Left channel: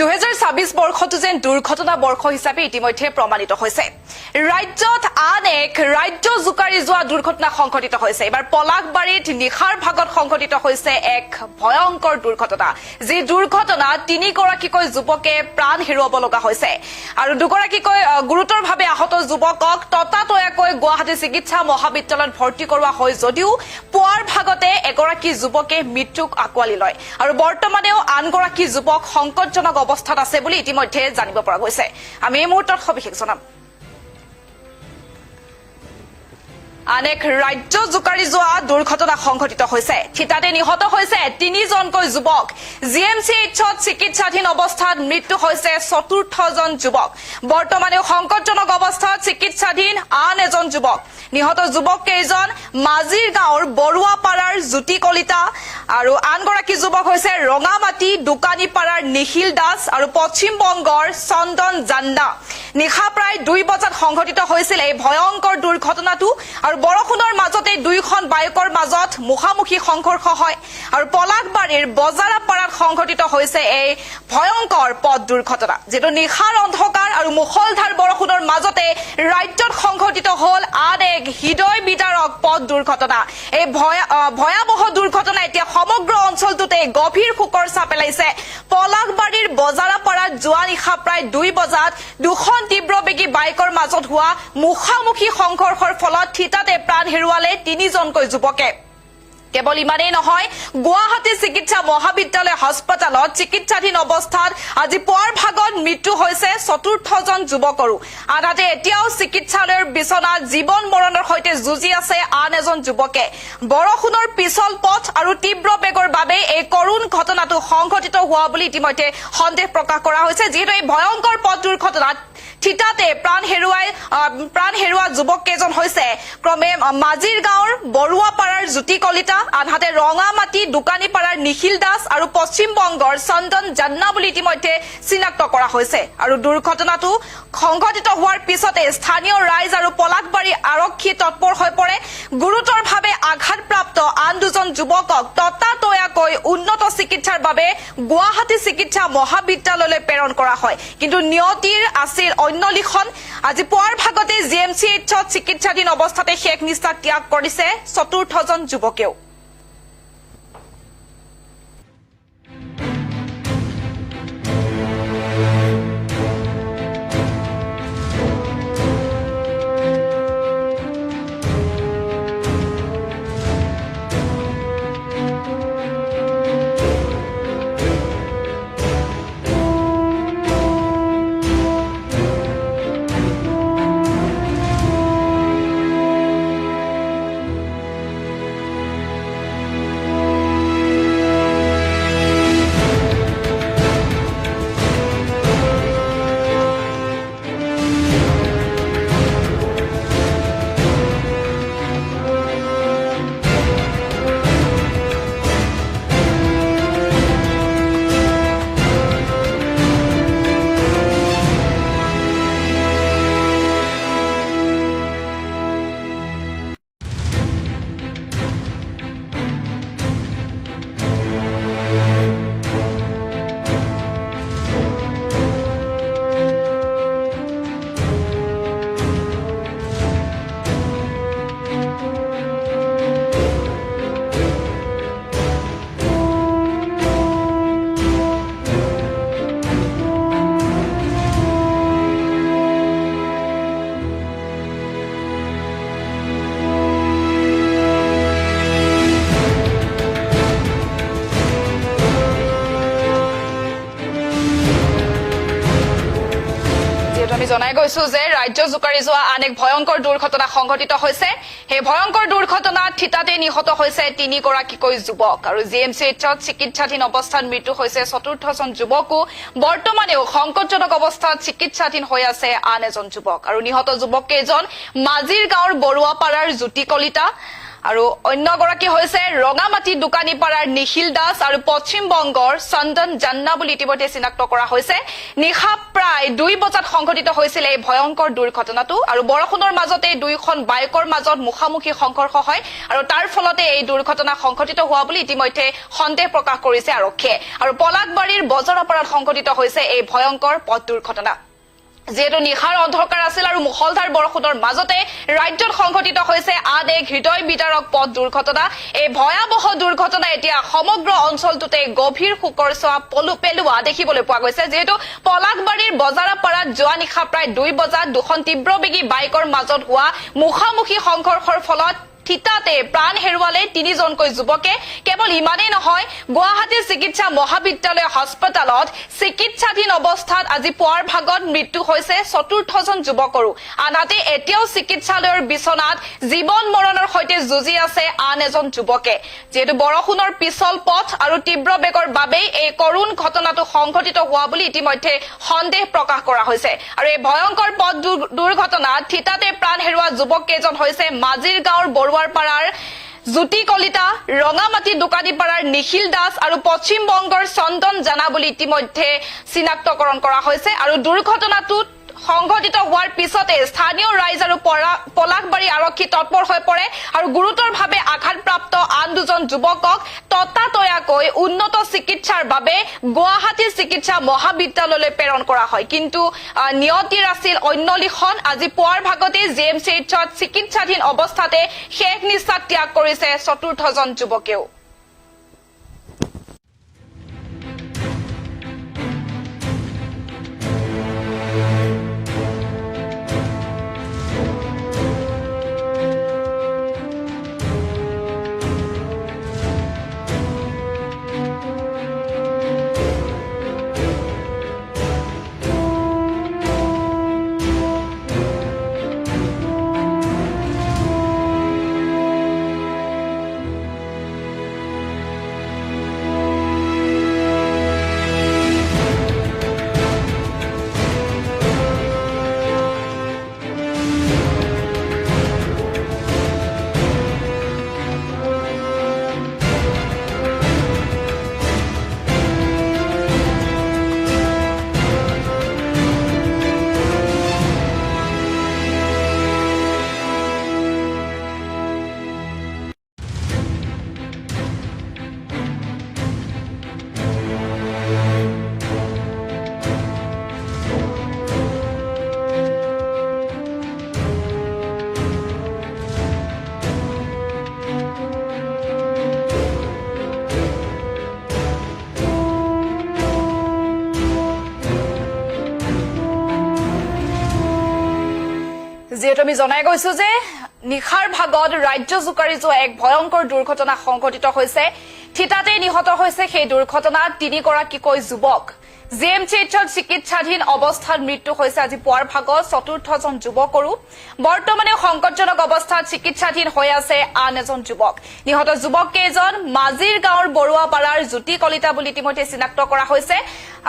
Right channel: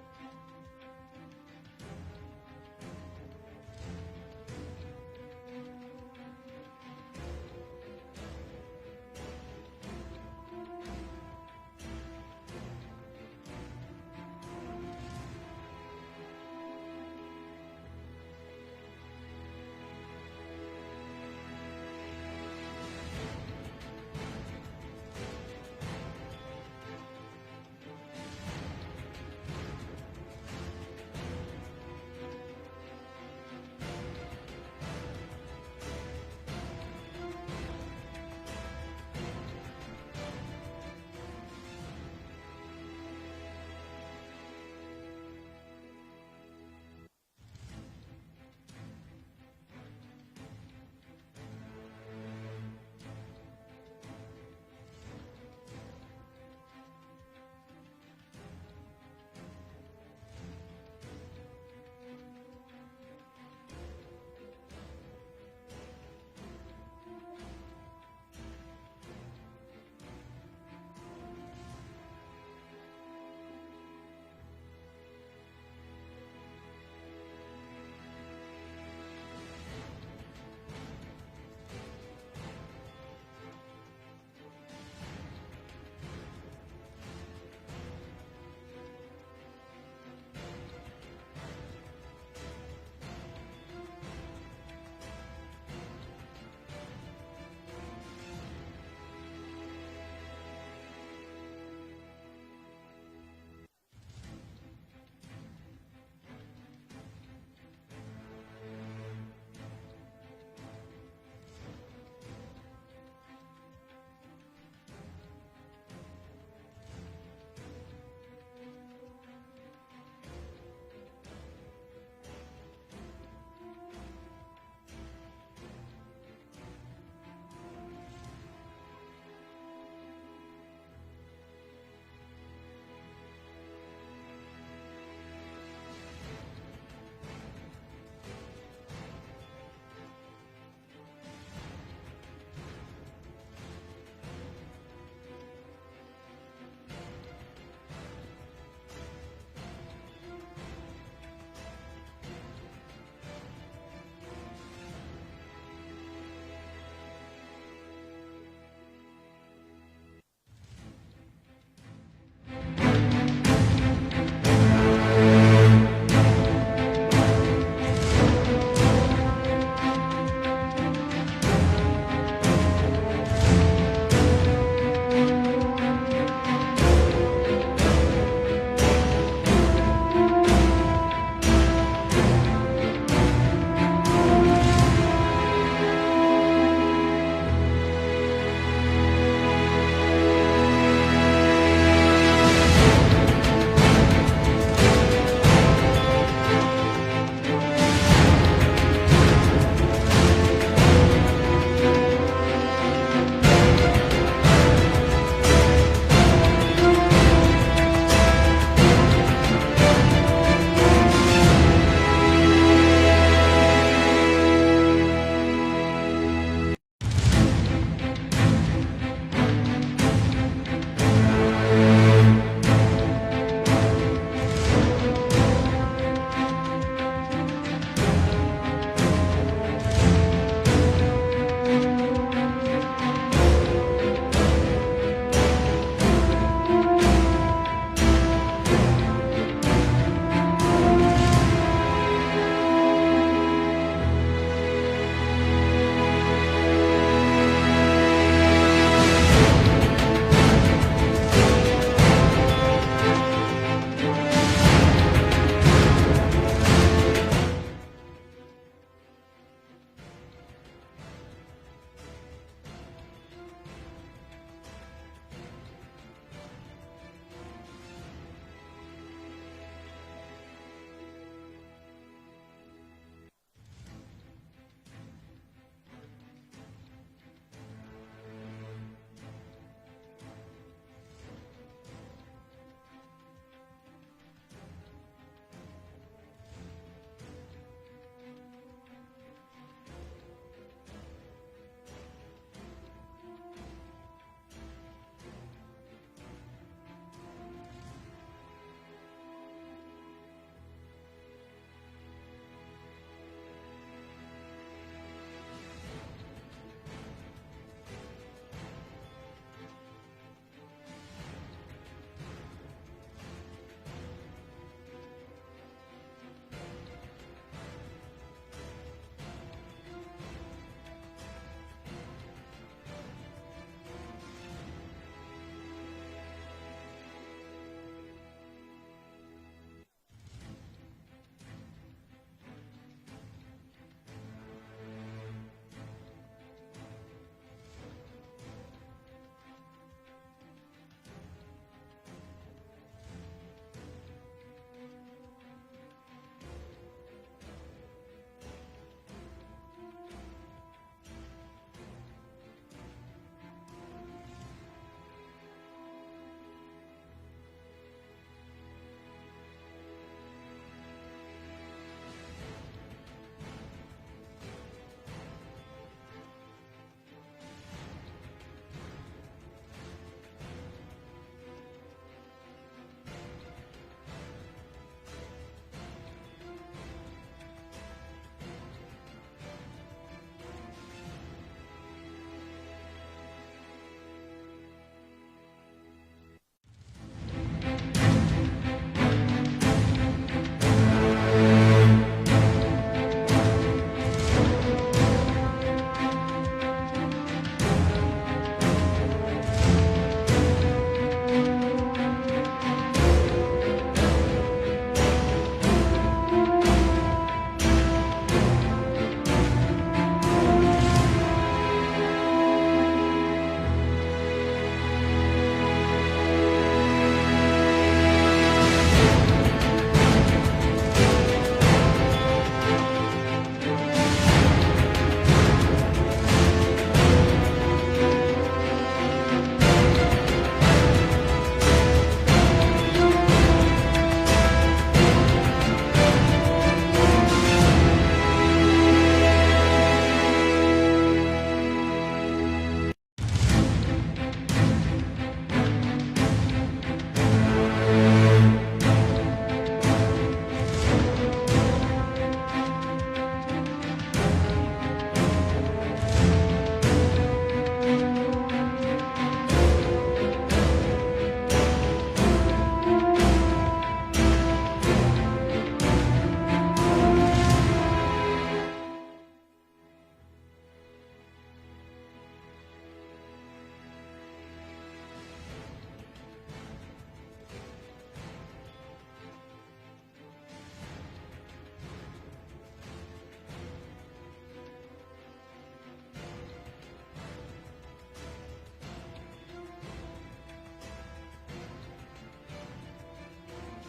2026 বৰ্ষটো যেন দুৰ্ঘটনা বৰ্ষ হিচাপে ইতিমধ্যে প্ৰমাণিত হৈছে। ৰাজ্যত আন এক ৰাজ্য জোকাৰি যোৱা দুৰ্ঘটনা সংঘটিত হৈছে। এবাৰ পলাশবাৰীত নিশাৰ ভাগত সংঘটিত হৈছে এক ভয়ংকৰ দুৰ্ঘটনা। যি দুৰ্ঘটনা তিনিগৰাকীকৈ যুৱকে প্ৰাণ হেৰুৱাব লগা হৈছে আৰু দুগৰাকীকৈ গুৰুতৰভাৱে আহত যুৱকক ততাতৈয়াকৈ গুৱাহাটী চিকিৎসা মহাবিদ্যালয়ত ভৰ্তি কৰোৱা হয় যদিও পুৱাৰ ভাগতে এগৰাকী যুৱকে মৃত্যুক আঁকোৱালি লয় আৰু বৰ্তমানেও আনগৰাকী যুৱক সংকটজনক অৱস্থাত আছে বুলি ইতিমধ্যে জানিব পৰা গৈছে। আমি এই মুহূৰ্তত সবিশেষ জনাম। আন এক ৰাজ্য জোকাৰি যোৱা দুৰ্ঘটনা সংঘটিত হৈছে। থিতাতে নিহত হৈছে তিনিজনকৈ যুৱক। GMCHত চিকিৎসাধীন অৱস্থাত মৃত্যু হৈছে চতুৰ্থজন যুৱক। বৰ্তমানেও সংকটজনক অৱস্থাত চিকিৎসাধীন আন এজন যুৱক। নিহত যুৱক কেইজন মাজিৰ গাঁৱৰ বৰুৱাপাৰাৰ জ্যোতি কলিতা আৰু আনগৰাকী যুৱক হৈছে ৰঙামাটি দোকানীপাৰাৰ নিখিল দাস আৰু পশ্চিম বংগৰ চন্দন জান্না। নিশা প্ৰায় 2 বজাত সংঘটিত হৈছিল এই ভয়ংকৰ দুৰ্ঘটনাটো আৰু বৰষুণৰ মাজতে দুইখন বাইকৰ মাজত মুখামুখি সংঘৰ্ষ হয় আৰু পলাশবাৰীৰ বজাৰাপাৰাত সংঘটিত হৈছে এই ভয়ংকৰ পথ দুৰ্ঘটনা। যেটো নিশাৰ অন্ধকাৰ আৰু মুখলধাৰ বৰষুণৰ মাজতে ৰাজ্যত সংঘটিত হল আন এক হৃদয় বিদাৰক পথ দুৰ্ঘটনা। এই ভয়াবহ দুৰ্ঘটনা এতিয়া সমগ্ৰ অঞ্চলটোতে গভীৰ শোকৰ ছাপ পেলাইছে। পলাশবাৰীৰ বজাৰাপাৰাত যোৱা নিশা প্ৰায় 2 বজাত দুখন তীব্ৰবেগী বাইকৰ মাজত হোৱা মুখামুখি সংঘৰ্ষৰ ফলত থিতাতে প্ৰাণ হেৰুৱালে তিনিজনকৈ যুৱকে। কেৱল ইমানেই নহয়, গুৱাহাটী চিকিৎসা মহাবিদ্যালয় হাস্পতালত চিকিৎসাধীন অৱস্থাত আজি পুৱাৰ ভাগত মৃত্যু হৈছে চতুৰ্থজন যুৱকৰো। আনহাতে এতিয়াও চিকিৎসালয়ৰ বিচনাত জীৱন মৰণৰ সৈতে যুঁজি আছে আন এজন যুৱকে। বৰষুণৰ পিছল পথ আৰু তীব্ৰ বেগৰ বাবে এই কৰুণ ঘটনাটো সংঘটিত হোৱা বুলি ইতিমধ্যে সন্দেহ প্ৰকাশ কৰা হৈছে। যিহেতু এই ভয়ংকৰ পথ দুৰ্ঘটনাত থিতাতে প্ৰাণ হেৰুওৱা যুৱক কেইজন হৈছে ক্ৰমে মাজিৰ গাঁৱৰ বৰুৱাপাৰাৰ জ্যোতি কলিতা, আনহাতে ৰঙামাটি দোকানীপাৰাৰ নিখিল দাস আৰু পশ্চিম বংগৰ চন্দন জান্না বুলি ইতিমধ্যে চিনাক্ত কৰা হৈছে। আৰু দুৰ্ঘটনাটো সংঘটিত হোৱাৰ পিছতে স্থানীয় ৰাইজ আৰু পলাশবাৰী আৰক্ষী তৎপৰ হৈ পৰে। গুৰুতৰভাৱে আঘাতপ্ৰাপ্ত আন দুজন যুৱকক ততাতৈয়াকৈ উন্নত চিকিৎসাৰ বাবে গুৱাহাটী চিকিৎসা মহাবিদ্যালয়লৈ প্ৰেৰণ কৰা হয়। কিন্তু নিয়তিৰ আছিল অন্য লিখন। আজি পুৱাৰ ভাগতে GMCHত চিকিৎসাধীন অৱস্থাতে শেষ নিশ্বাস ত্যাগ কৰিছে চতুৰ্থজন যুৱকেও। জনাই গৈছো যে ৰাজ্য জোকাৰি যোৱা আন এক ভয়ংকৰ দুৰ্ঘটনা সংঘটিত হৈছে। সেই ভয়ংকৰ দুৰ্ঘটনাত থিতাতে নিহত হৈছে তিনিগৰাকীকৈ যুৱক আৰু GMCHত চিকিৎসাধীন অৱস্থাত মৃত্যু হৈছে চতুৰ্থজন যুৱকো। বৰ্তমানেও সংকটজনক অৱস্থাত চিকিৎসাধীন হৈ আছে আন এজন যুৱক আৰু নিহত যুৱক কেইজন মাজিৰ গাঁৱৰ বৰুৱাপাৰাৰ জ্যোতি কলিতা আৰু অন্যগৰাকী হৈছে ৰঙামাটি দোকানীপাৰাৰ নিখিল দাস আৰু পশ্চিম বংগৰ চন্দন জান্না বুলি ইতিমধ্যে চিনাক্ত কৰা হৈছে নিশা প্ৰায় 2 বজাত সংঘটিত হৈছিল এই ভয়ংকৰ দুৰ্ঘটনাটো আৰু বৰষুণৰ মাজতে দুইখন বাইকৰ মাজত মুখামুখি সংঘৰ্ষ হয় আৰু তাৰ ফলতে এই দুৰ্ঘটনা সংঘটিত হোৱা বুলি ইতিমধ্যে সন্দেহ প্ৰকাশ কৰিছে আৰক্ষীয়ে আৰু পলাকবাৰীৰ বজাৰাপাৰাত সংঘটিত হৈছে এই ভয়ংকৰ পথ দুৰ্ঘটনা যেহেতু নিশাৰ অন্ধকাৰ আছিল আৰু মুখলধাৰ বৰষুণৰ মাজতে ৰাজ্যত সংঘটিত হৈছে আন এক হৃদয় বিদাৰক পথ দুৰ্ঘটনা এই ভয়াৱহ দুৰ্ঘটনা এতিয়া সমগ্ৰ অঞ্চলটোতে গভীৰ শোকৰ ছাঁ পেলোৱা দেখিবলৈ পোৱা গৈছে যেহেতু পলাকবাৰীৰ বজাৰাপাৰাত যোৱা নিশা প্ৰায় 2 বজাত দুখন তীব্ৰবেগী বাইকৰ মাজত হোৱা মুখামুখি সংঘৰ্ষৰ ফলত ঠিতাতে প্ৰাণ হেৰুৱালে 3জনকৈ যুৱকে কেৱল ইমানেই নহয় গুৱাহাটী চিকিৎসা মহাবিদ্যালয় হাস্পতালত চিকিৎসাধীন অৱস্থাত আজি পুৱাৰ ভাগত মৃত্যু হৈছে চতুৰ্থজন যুৱকৰো আনহাতে এতিয়াও চিকিৎসালয়ৰ বিছনাত জীৱন মৰণৰ সৈতে যুঁজি আছে আন এজন যুৱকে যেহেতু বৰষুণৰ পিছল পথ আৰু তীব্ৰ বেগৰ বাবেই এই কৰুণ ঘটনাটো সংঘটিত হোৱা বুলি ইতিমধ্যে সন্দেহ প্ৰকাশ কৰা হৈছে আৰু এই ভয়ংকৰ পথ দুৰ্ঘটনাত ঠিতাতে প্ৰাণ হেৰুৱা যুৱক কেইজন হৈছে মাজিৰ গাঁৱৰ বৰুৱাৰপাৰাৰ জ্যোতি কলিতা ৰঙামাটি দোকানীপাৰাৰ নিখিল দাস আৰু পশ্চিম বংগৰ চন্দন জানা বুলি ইতিমধ্যে চিনাক্তকৰণ কৰা হৈছে আৰু দুৰ্ঘটনাটোত সংঘটিত হোৱাৰ পিছতে স্থানীয় ৰাইজ আৰু পলাকবাৰী আৰক্ষী তৎপৰ হৈ পৰে আৰু গুৰুতৰভাৱে আঘাতপ্ৰাপ্ত আন দুজন যুৱকক ততাতৈয়াকৈ উন্নত চিকিৎসাৰ বাবে গুৱাহাটী চিকিৎসা মহাবিদ্যালয়লৈ প্ৰেৰণ কৰা হয় কিন্তু নিয়তিৰ আছিল অন্য লিখন আজি পুৱাৰ ভাগতে জিএমচিএইচত চিকিৎসাধীন অৱস্থাতে শেষ নিশ্বাস ত্যাগ কৰিছে চতুৰ্থজন যুৱকেও যেহেতু আমি জনাই গৈছো যে নিশাৰ ভাগত ৰাজ্য জোকাৰি যোৱা এক ভয়ংকৰ দুৰ্ঘটনা সংঘটিত হৈছে ঠিতাতে নিহত হৈছে সেই দুৰ্ঘটনাত 3গৰাকীকৈ যুৱক জিএমচিএইচত চিকিৎসাধীন অৱস্থাত মৃত্যু হৈছে আজি পুৱাৰ ভাগত চতুৰ্থজন যুৱকৰো বৰ্তমানে সংকটজনক অৱস্থাত চিকিৎসাধীন হৈ আছে আন এজন যুৱক নিহত যুৱক কেইজন মাজিৰ গাঁৱৰ বৰুৱাপাৰাৰ জ্যোতি কলিতা বুলি ইতিমধ্যে চিনাক্ত কৰা হৈছে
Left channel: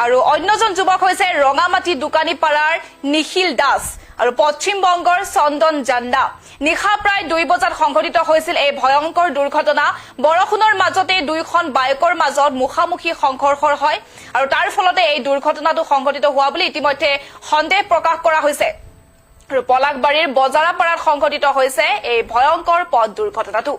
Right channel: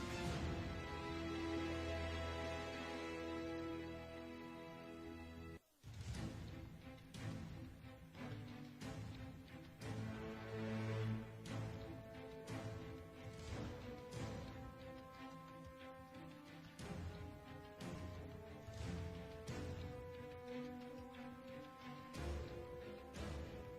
আৰু অন্যজন যুৱক হৈছে ৰঙামাটি দোকানীপাৰাৰ নিখিল দাস আৰু পশ্চিম বংগৰ চন্দন জান্না নিশা প্ৰায় 2 বজাত সংঘটিত হৈছিল এই ভয়ংকৰ দুৰ্ঘটনা বৰষুণৰ মাজতে দুইখন বাইকৰ মাজত মুখামুখি সংঘৰ্ষ হয় আৰু তাৰ ফলতে এই দুৰ্ঘটনাটো সংঘটিত হোৱা বুলি ইতিমধ্যে সন্দেহ প্ৰকাশ কৰা হৈছে আৰু পলাকবাৰীৰ বজাৰাপাৰাত সংঘটিত হৈছে এই ভয়ংকৰ পথ দুৰ্ঘটনাটো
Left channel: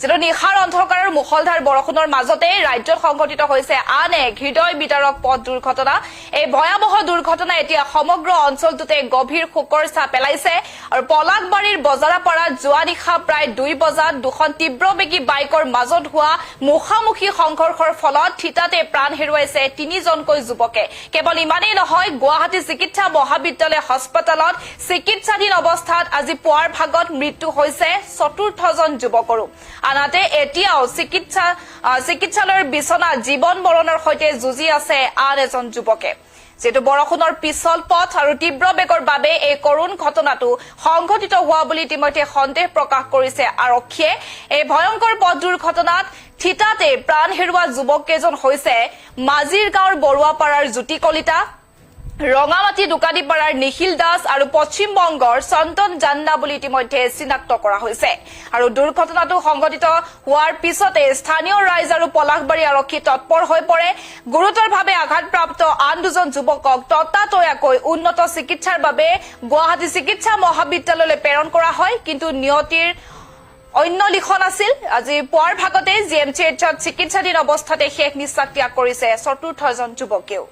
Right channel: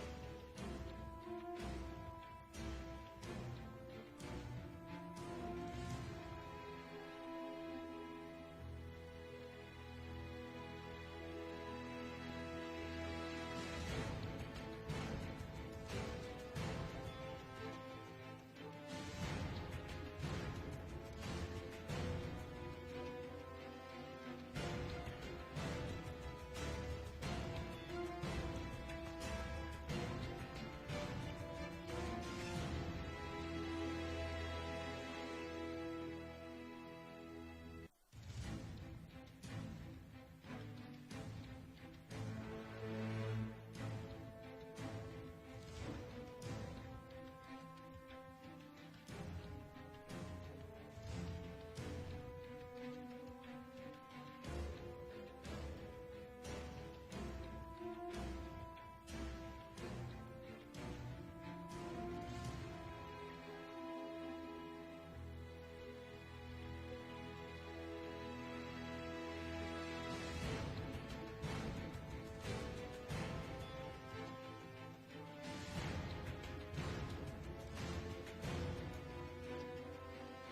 যেটো নিশাৰ অন্ধকাৰৰ মুখলধাৰ বৰষুণৰ মাজতে ৰাজ্যত সংঘটিত হৈছে আন এক হৃদয় বিদাৰক পথ দুৰ্ঘটনা এই ভয়াৱহ দুৰ্ঘটনা এতিয়া সমগ্ৰ অঞ্চলটোতে গভীৰ শোকৰ ছাঁ পেলাইছে আৰু পলাকবাৰীৰ বজাৰাপাৰাত যোৱা নিশা প্ৰায় 2 বজাত দুখন তীব্ৰবেগী বাইকৰ মাজত হোৱা মুখামুখি সংঘৰ্ষৰ ফলত ঠিতাতে প্ৰাণ হেৰুৱাইছে 3জনকৈ যুৱকে কেৱল ইমানেই নহয় গুৱাহাটী চিকিৎসা মহাবিদ্যালয় হাস্পতালত চিকিৎসাধীন অৱস্থাত আজি পুৱাৰ ভাগত মৃত্যু হৈছে চতুৰ্থজন যুৱকৰো আনহাতে এতিয়াও চিকিৎসালয়ৰ বিছনা জীৱন মৰণৰ সৈতে যুঁজি আছে আন এজন যুৱকে যেটো বৰষুণৰ পিছল পথ আৰু তীব্ৰ বেগৰ বাবে এই কৰুণ ঘটনাটো সংঘটিত হোৱা বুলি ইতিমধ্যে সন্দেহ প্ৰকাশ কৰিছে আৰক্ষীয়ে এই ভয়ংকৰ পথ দুৰ্ঘটনাত ঠিতাতে প্ৰাণ হেৰুৱা যুৱক কেইজন হৈছে মাজিৰ গাঁৱৰ বৰুৱাপাৰাৰ জ্যোতি কলিতা ৰঙামাটি দোকানীপাৰাৰ নিখিল দাস আৰু পশ্চিম বংগৰ চন্দন জান্না বুলি ইতিমধ্যে চিনাক্ত কৰা হৈছে আৰু দুৰ্ঘটনাটো সংঘটিত হোৱাৰ পিছতে স্থানীয় ৰাইজ আৰু পলাশবাৰী আৰক্ষী তৎপৰ হৈ পৰে গুৰুতৰভাৱে আঘাতপ্ৰাপ্ত আন দুজন যুৱকক ততাতৈয়াকৈ উন্নত চিকিৎসাৰ বাবে গুৱাহাটী চিকিৎসা মহাবিদ্যালয়লৈ প্ৰেৰণ কৰা হয় কিন্তু নিয়তিৰ অন্য লিখন আছিল আজি পুৱাৰ ভাগতে জিএমচিএইচত চিকিৎসাধীন অৱস্থাতে শেষ নিশ্বাস ত্যাগ কৰিছে চতুৰ্থজন যুৱকেও